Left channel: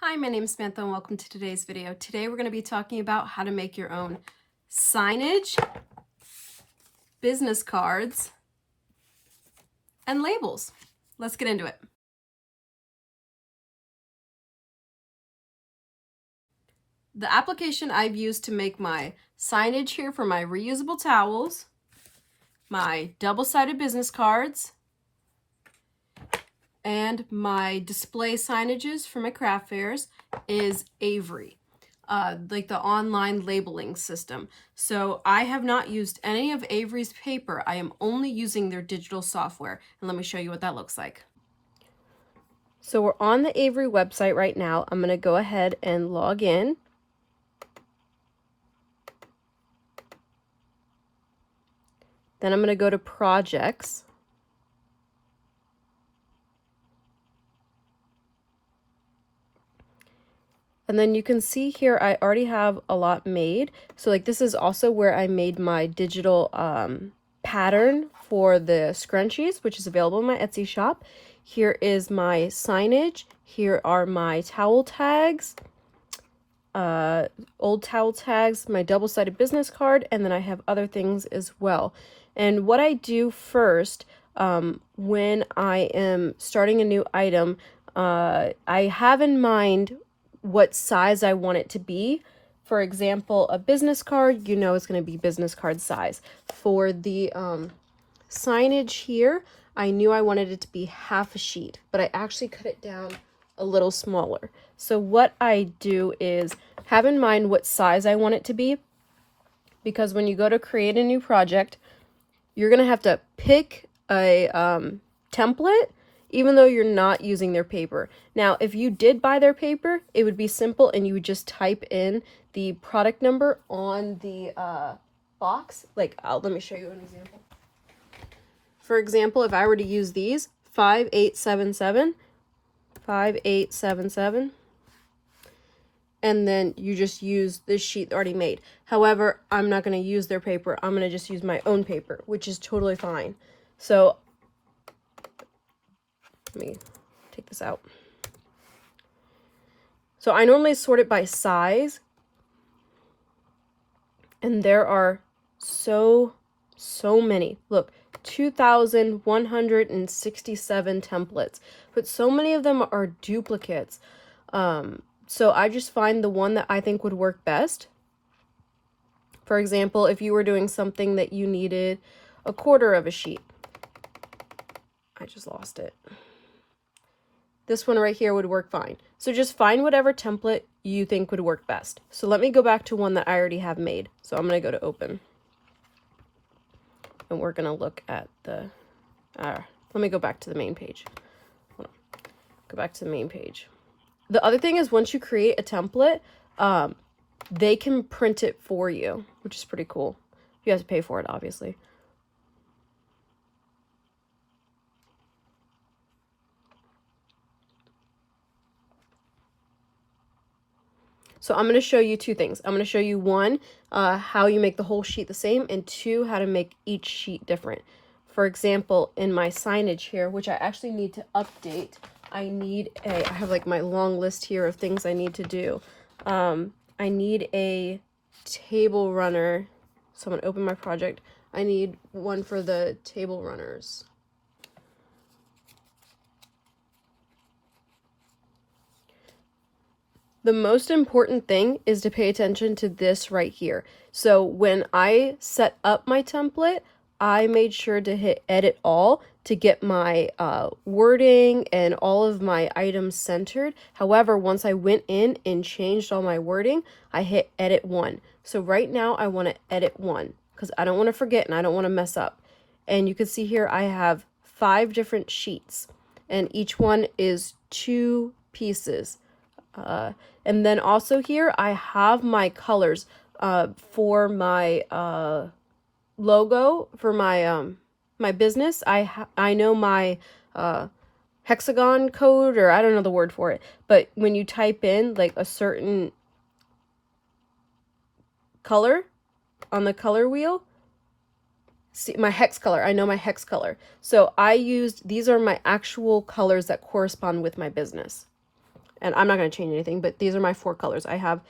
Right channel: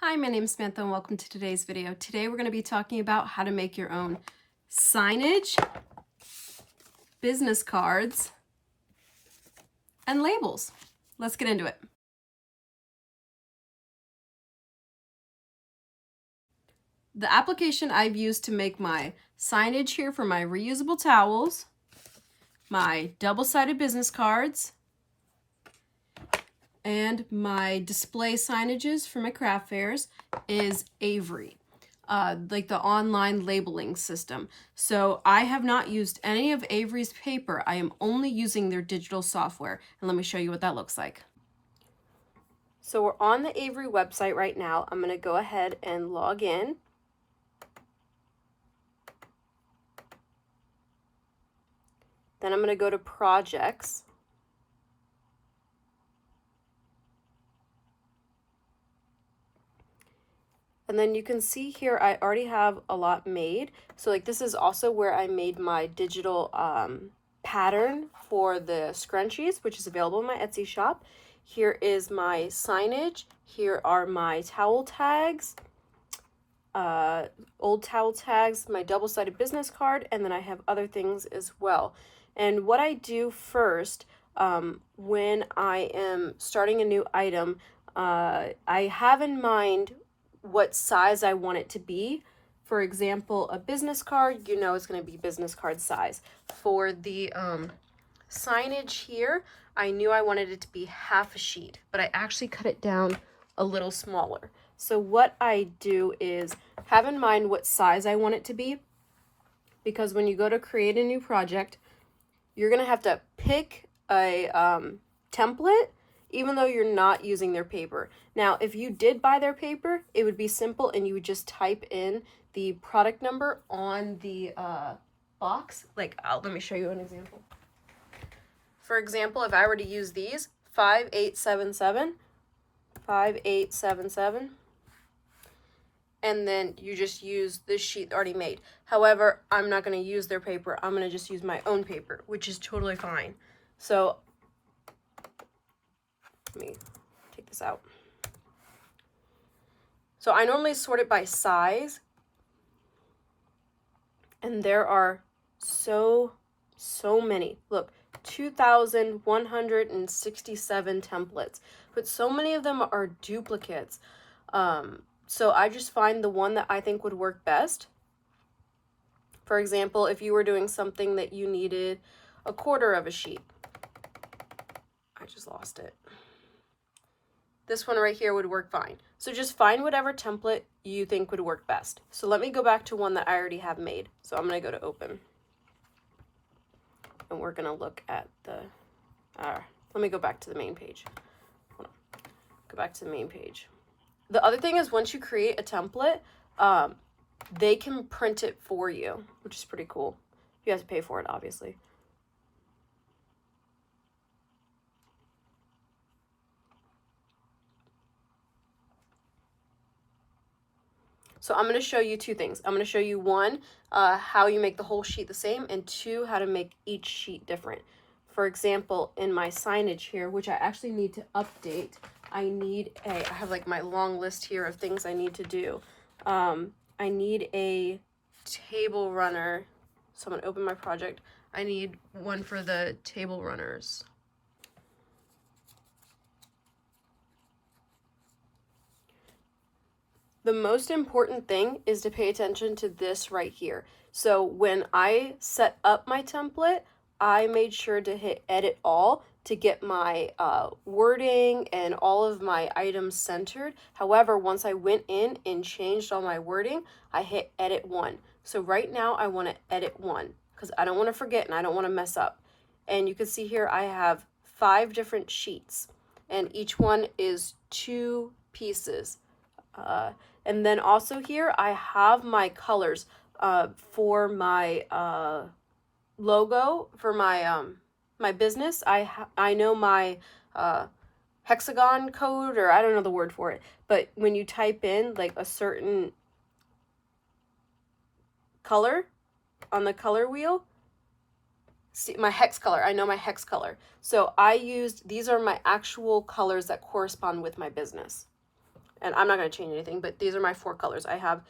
Hi, my name is Samantha and welcome to today's video. Today we're going to be talking about how to make your own signage, business cards, and labels. Let's get into it. The application I've used to make my signage here for my reusable towels, my double-sided business cards, and my display signages for my craft fairs is Avery, like the online labeling system. So I have not used any of Avery's paper. I am only using their digital software. And let me show you what that looks like. So we're on the Avery website right now. I'm going to go ahead and log in. Then I'm going to go to projects. And then you can see here, I already have a lot made. So like this is also where I made my digital pattern for the scrunchies, which is available in my Etsy shop. Here is my signage. Here are my towel tags, old towel tags, my double-sided business card, and then I have other things as well. And what I do first when I am starting a new item, I have in mind what size I want it to be. For example, a business card, you know it's going to be business card size. For the signage here, I knew I wanted it to be half a sheet, but I actually cut it down a little smaller. So what I do is have in mind what size I want it to be, because when you go to create a new project, you're going to have to pick a template even though you're not using their paper. Now, if you did buy their paper, it would be simple and you would just type in the product number on the box. Like, let me show you an example. For example, if I were to use these, 5877, 5877, and then you just use this sheet already made. However, I'm not going to use their paper. I'm going to just use my own paper, which is totally fine. So let me take this out. So I normally sort it by size, and there are so many. Look, 2,167 templates, but so many of them are duplicates. So I just find the one that I think would work best. For example, if you were doing something that you needed a quarter of a sheet. I just lost it. This one right here would work fine. So just find whatever template you think would work best. So let me go back to one that I already have made. So I'm going to go to open. And we're going to look at the, let me go back to the main page. Hold on. Go back to the main page. The other thing is once you create a template, they can print it for you, which is pretty cool. You have to pay for it, obviously. So I'm going to show you two things. I'm going to show you one, how you make the whole sheet the same, and two, how to make each sheet different. For example, in my signage here, which I actually need to update, I have like my long list here of things I need to do. I need a table runner. So I'm going to open my project. I need one for the table runners. The most important thing is to pay attention to this right here. So when I set up my template, I made sure to hit edit all to get my wording and all of my items centered. However, once I went in and changed all my wording, I hit edit one. So right now I want to edit one because I don't want to forget and I don't want to mess up. And you can see here I have 5 different sheets and each one is 2 pieces. And then also here I have my colors for my logo for my my business. I know my hexagon code, or I don't know the word for it, but when you type in like a certain color on the color wheel, see my hex color, I know my hex color. So I used, these are my actual colors that correspond with my business. and I'm not going to change anything, but these are my 4 colors. I have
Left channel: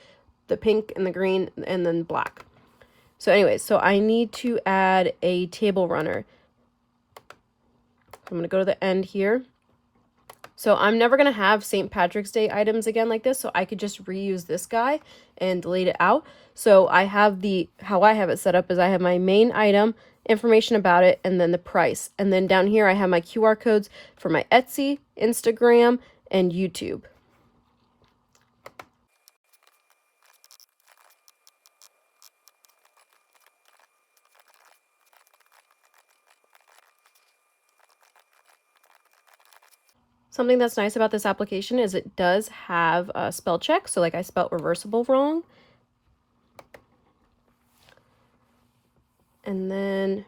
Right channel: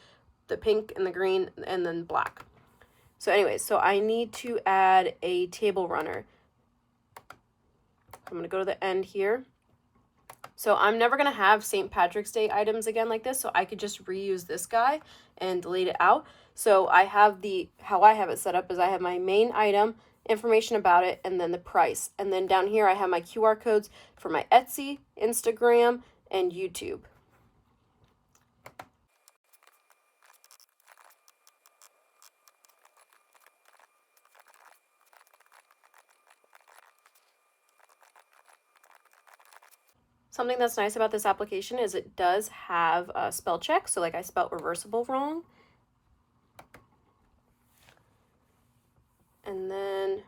the pink and the green and then black. So anyways, so I need to add a table runner. I'm going to go to the end here. So I'm never going to have St. Patrick's Day items again like this, so I could just reuse this guy and delete it out. So I have how I have it set up is I have my main item, information about it, and then the price. And then down here I have my QR codes for my Etsy, Instagram, and YouTube. Something that's nice about this application is it does have a spell check. So like I spelled reversible wrong. And then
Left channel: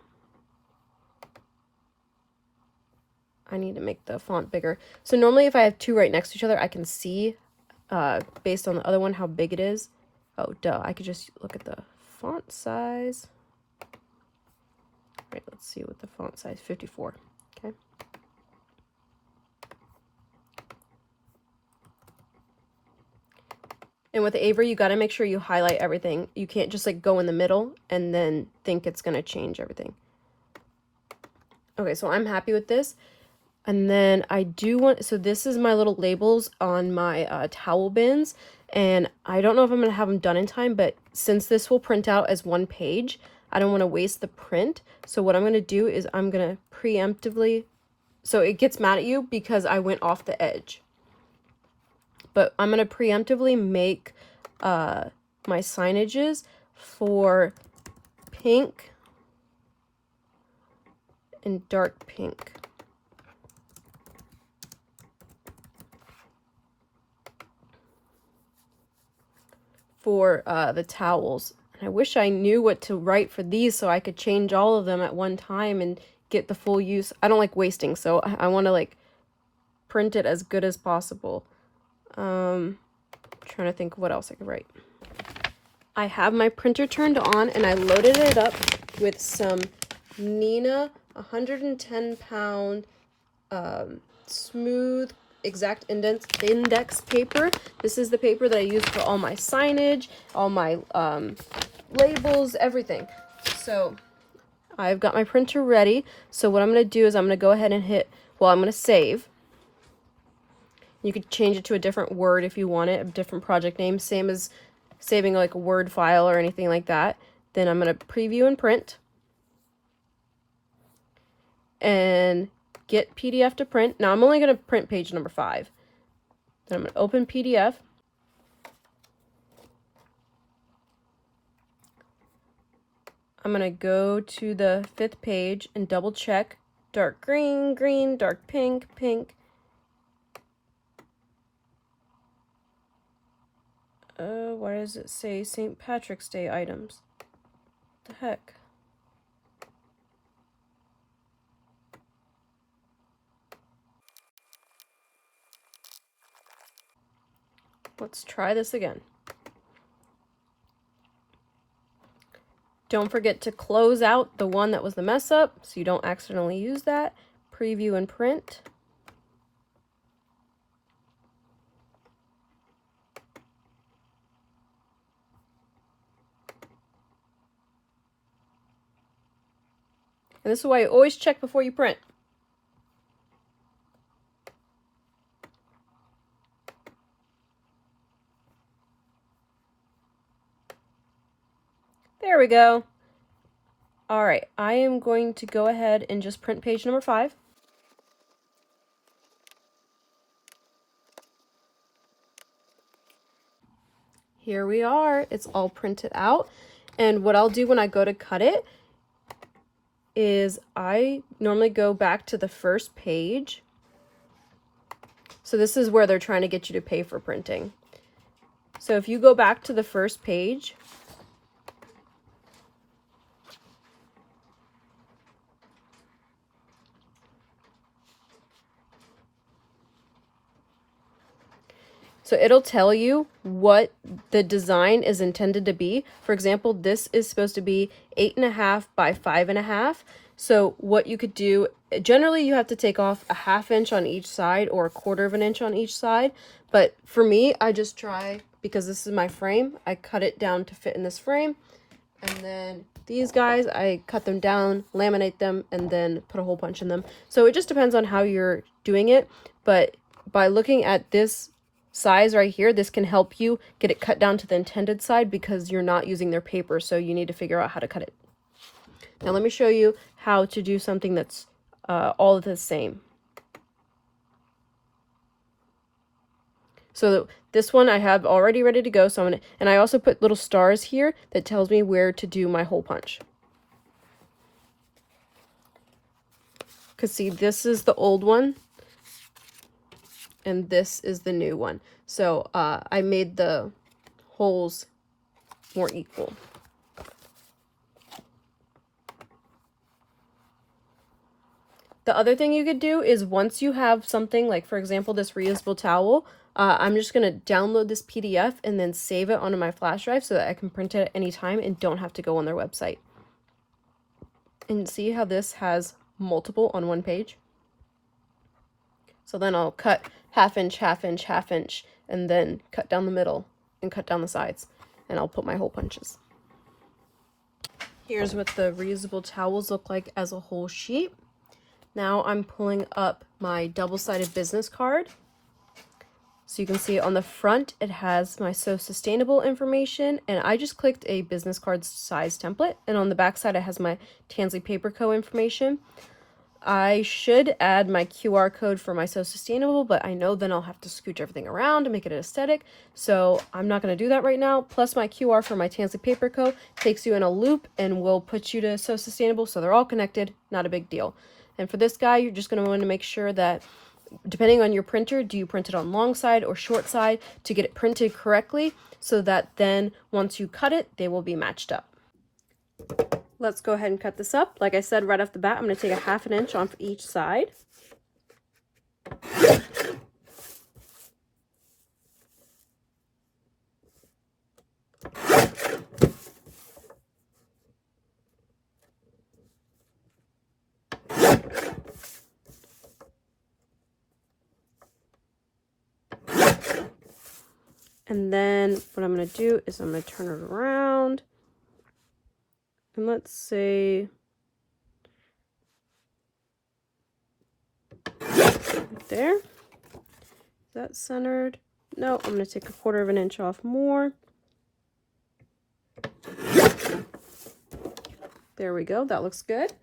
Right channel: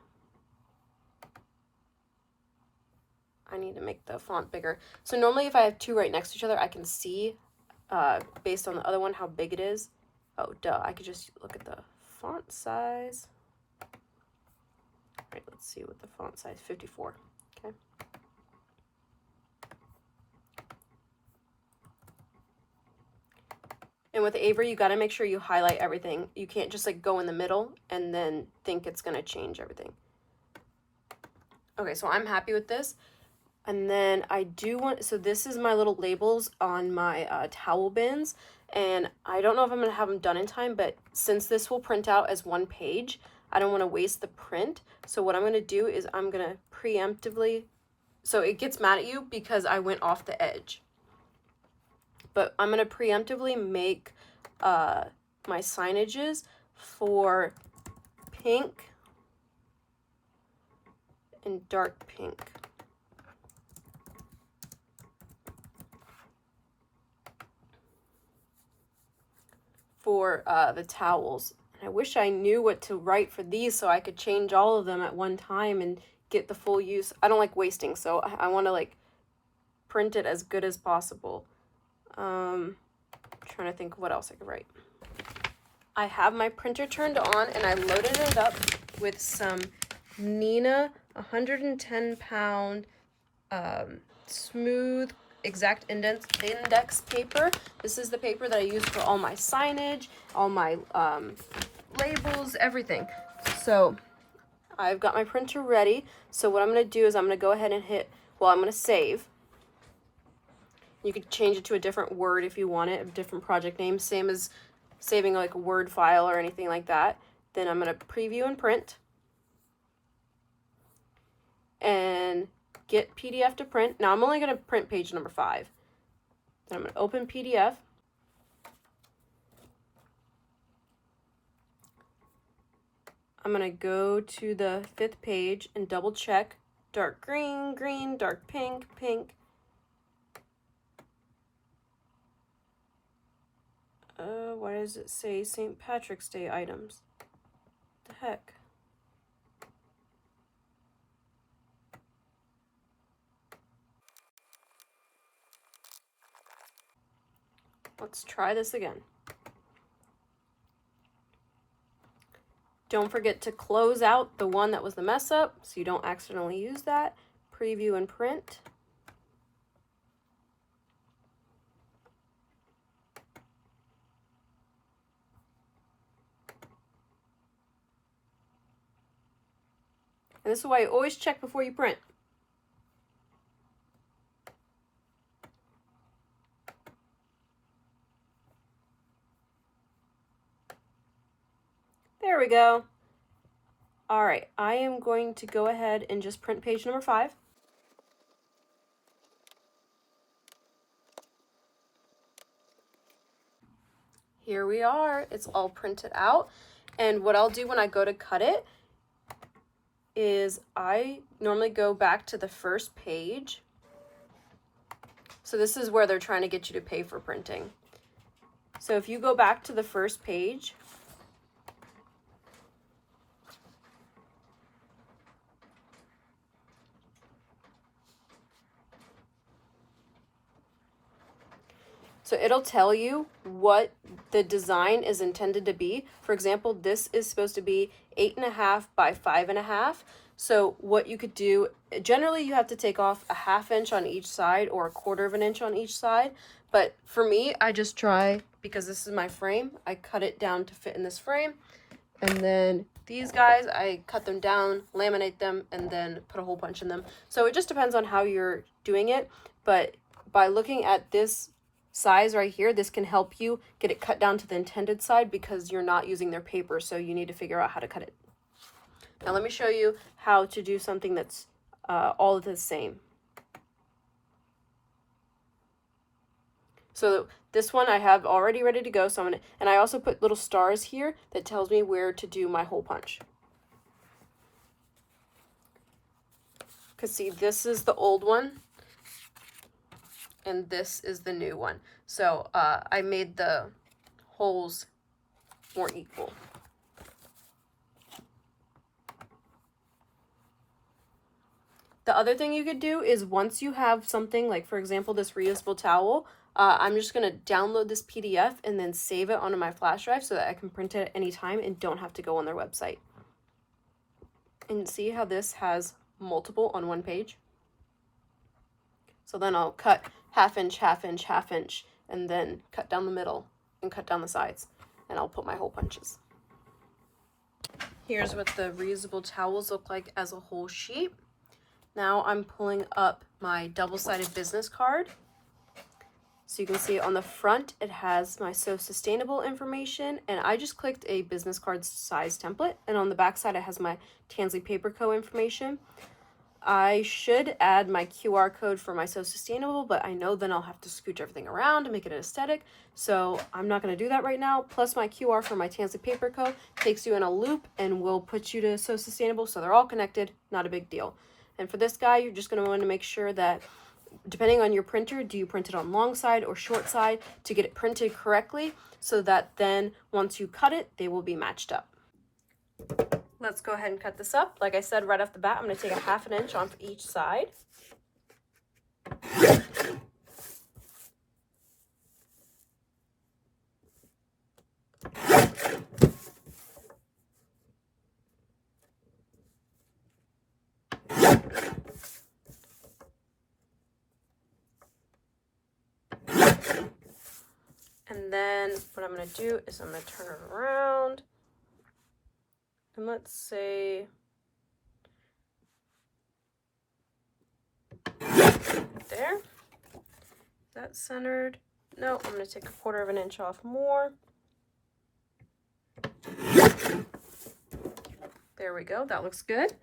I need to make the font bigger. So normally if I have 2 right next to each other, I can see based on the other one how big it is. Oh, duh. I could just look at the font size. Right, let's see what the font size, 54. Okay. And with Avery, you got to make sure you highlight everything. You can't just like go in the middle and then think it's going to change everything. Okay, so I'm happy with this. And then I do want, so this is my little labels on my towel bins. And I don't know if I'm going to have them done in time, but since this will print out as 1 page, I don't want to waste the print. So what I'm going to do is I'm going to preemptively, so it gets mad at you because I went off the edge. But I'm going to preemptively make my signages for pink and dark pink. For the towels. I wish I knew what to write for these so I could change all of them at one time and get the full use. I don't like wasting, so I want to like print it as good as possible. Trying to think what else I could write. I have my printer turned on and I loaded it up with some Nina 110-pound smooth exact index paper. This is the paper that I use for all my signage, all my labels, everything. So I've got my printer ready. So what I'm going to do is I'm going to go ahead and I'm going to save. You could change it to a different word if you want it, a different project name, same as saving like a Word file or anything like that. Then I'm going to preview and print. And get PDF to print. Now I'm only going to print page number 5. Then I'm going to open PDF. I'm going to go to the 5th page and double check dark green, green, dark pink, pink. Why does it say St. Patrick's Day items? What the heck? Let's try this again. Don't forget to close out the one that was the mess up so you don't accidentally use that. Preview and print. And this is why you always check before you print. There we go. All right, I am going to go ahead and just print page number 5. Here we are, it's all printed out. And what I'll do when I go to cut it is I normally go back to the first page. So this is where they're trying to get you to pay for printing. So if you go back to the first page, so it'll tell you what the design is intended to be. For example, this is supposed to be 8.5 by 5.5. So what you could do, generally you have to take off a 1/2 inch on each side or a 1/4 of an inch on each side. But for me, I just try, because this is my frame, I cut it down to fit in this frame. And then these guys, I cut them down, laminate them, and then put a hole punch in them. So it just depends on how you're doing it. But by looking at this size right here, this can help you get it cut down to the intended side because you're not using their paper. So you need to figure out how to cut it. Now let me show you how to do something that's all the same. So this one I have already ready to go. So I'm gonna, and I also put little stars here that tells me where to do my hole punch. Because see, this is the old one and this is the new one. So I made the holes more equal. The other thing you could do is once you have something like, for example, this reusable towel, I'm just going to download this PDF and then save it onto my flash drive so that I can print it at any time and don't have to go on their website. And see how this has multiple on one page? So then I'll cut 1/2 inch, 1/2 inch, 1/2 inch, and then cut down the middle and cut down the sides. And I'll put my hole punches. Here's what the reusable towels look like as a whole sheet. Now I'm pulling up my double-sided business card. So you can see on the front, it has my So Sustainable information, and I just clicked a business card size template. And on the back side, it has my Tansy Paper Co. information. I should add my QR code for my So Sustainable, but I know then I'll have to scooch everything around to make it aesthetic. So I'm not going to do that right now. Plus my QR for my Tansy Paper Co. takes you in a loop and will put you to So Sustainable. So they're all connected, not a big deal. And for this guy, you're just going to want to make sure that, depending on your printer, do you print it on long side or short side to get it printed correctly so that then once you cut it, they will be matched up. Let's go ahead and cut this up. Like I said right off the bat, I'm going to take a 1/2 inch off each side. And then what I'm going to do is I'm going to turn it around. And let's say right there. Is that centered? No, I'm going to take a 1/4 of an inch off more. There we go. That looks good.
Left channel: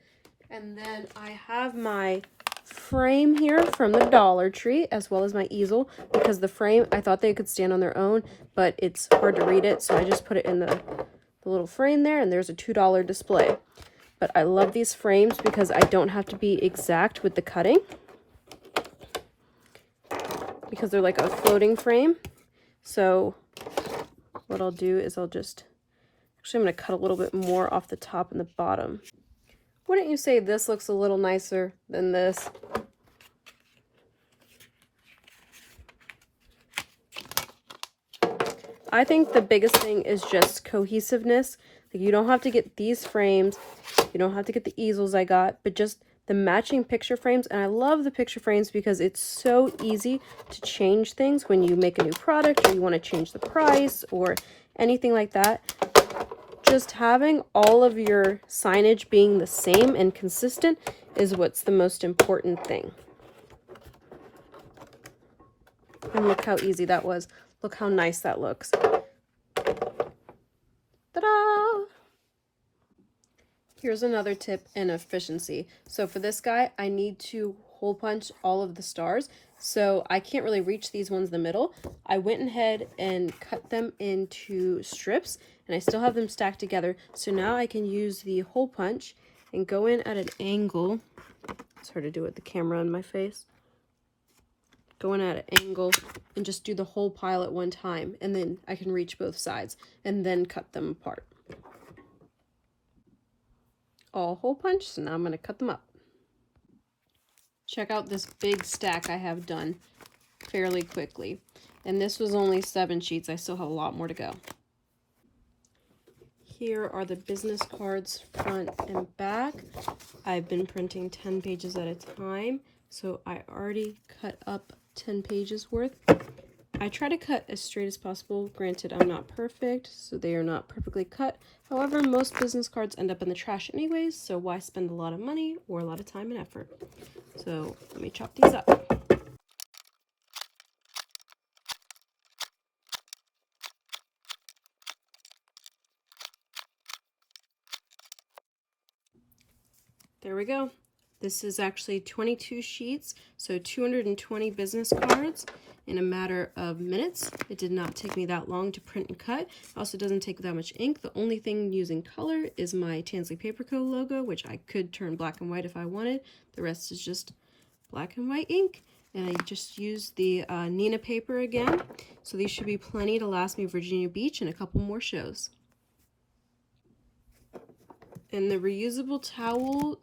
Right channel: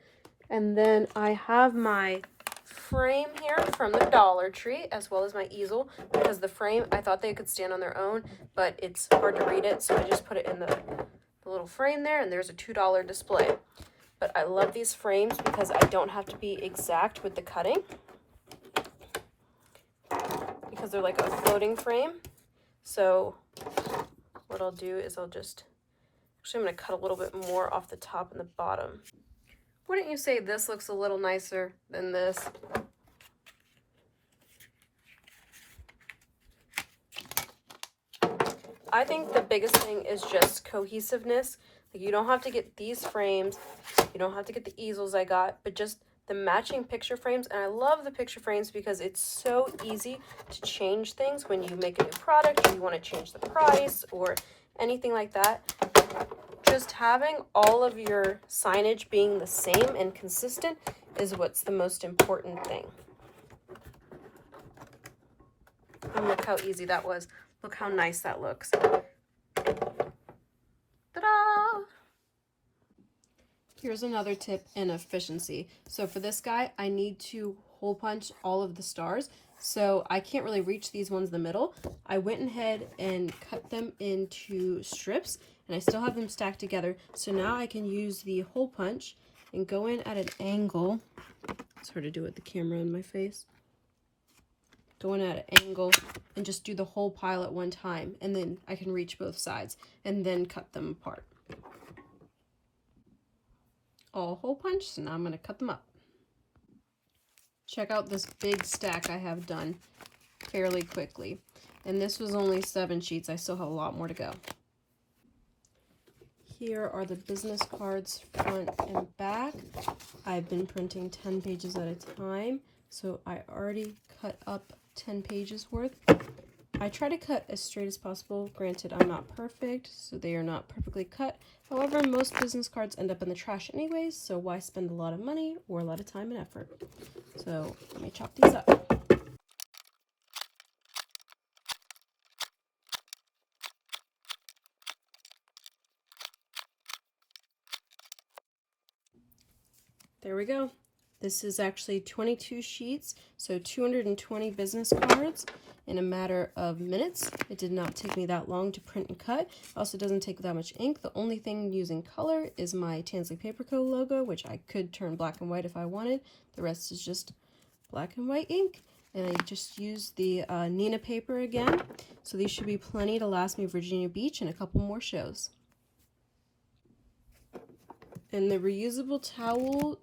And then I have my frame here from the Dollar Tree, as well as my easel, because the frame, I thought they could stand on their own, but it's hard to read it, so I just put it in the little frame there, and there's a $2 display. But I love these frames because I don't have to be exact with the cutting, because they're like a floating frame. So what I'll do is actually I'm going to cut a little bit more off the top and the bottom. Wouldn't you say this looks a little nicer than this? I think the biggest thing is just cohesiveness. Like, you don't have to get these frames, you don't have to get the easels I got, but just the matching picture frames. And I love the picture frames because it's so easy to change things when you make a new product or you want to change the price or anything like that. Just having all of your signage being the same and consistent is what's the most important thing. And look how easy that was. Look how nice that looks. Ta-da! Here's another tip in efficiency. So for this guy, I need to hole punch all of the stars. So I can't really reach these ones in the middle. I went ahead and cut them into strips, and I still have them stacked together. So now I can use the hole punch and go in at an angle. It's hard to do with the camera in my face. Go in at an angle and just do the whole pile at one time, and then I can reach both sides and then cut them apart. All hole punched, so now I'm going to cut them up. Check out this big stack I have done fairly quickly. And this was only 7 sheets. I still have a lot more to go. Here are the business cards front and back. I've been printing 10 pages at a time, so I already cut up 10 pages worth. I try to cut as straight as possible. Granted, I'm not perfect, so they are not perfectly cut. However, most business cards end up in the trash anyways, so why spend a lot of money or a lot of time and effort? So let me chop these up. There we go. This is actually 22 sheets, so 220 business cards in a matter of minutes. It did not take me that long to print and cut. It also doesn't take that much ink. The only thing using color is my Tansley Paper Co. logo, which I could turn black and white if I wanted. The rest is just black and white ink. And I just used the Nina paper again. So these should be plenty to last me Virginia Beach and a couple more shows. And the reusable towel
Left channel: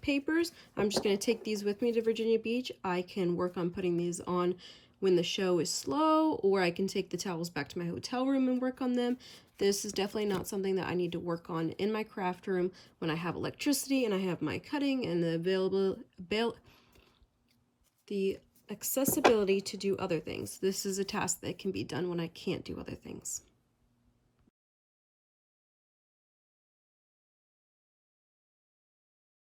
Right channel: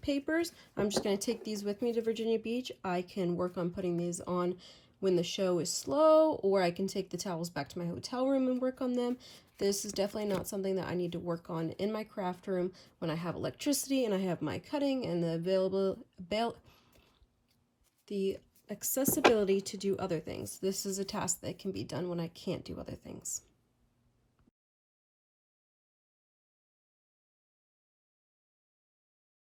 papers, I'm just going to take these with me to Virginia Beach. I can work on putting these on when the show is slow, or I can take the towels back to my hotel room and work on them. This is definitely not something that I need to work on in my craft room when I have electricity and I have my cutting and the accessibility to do other things. This is a task that can be done when I can't do other things.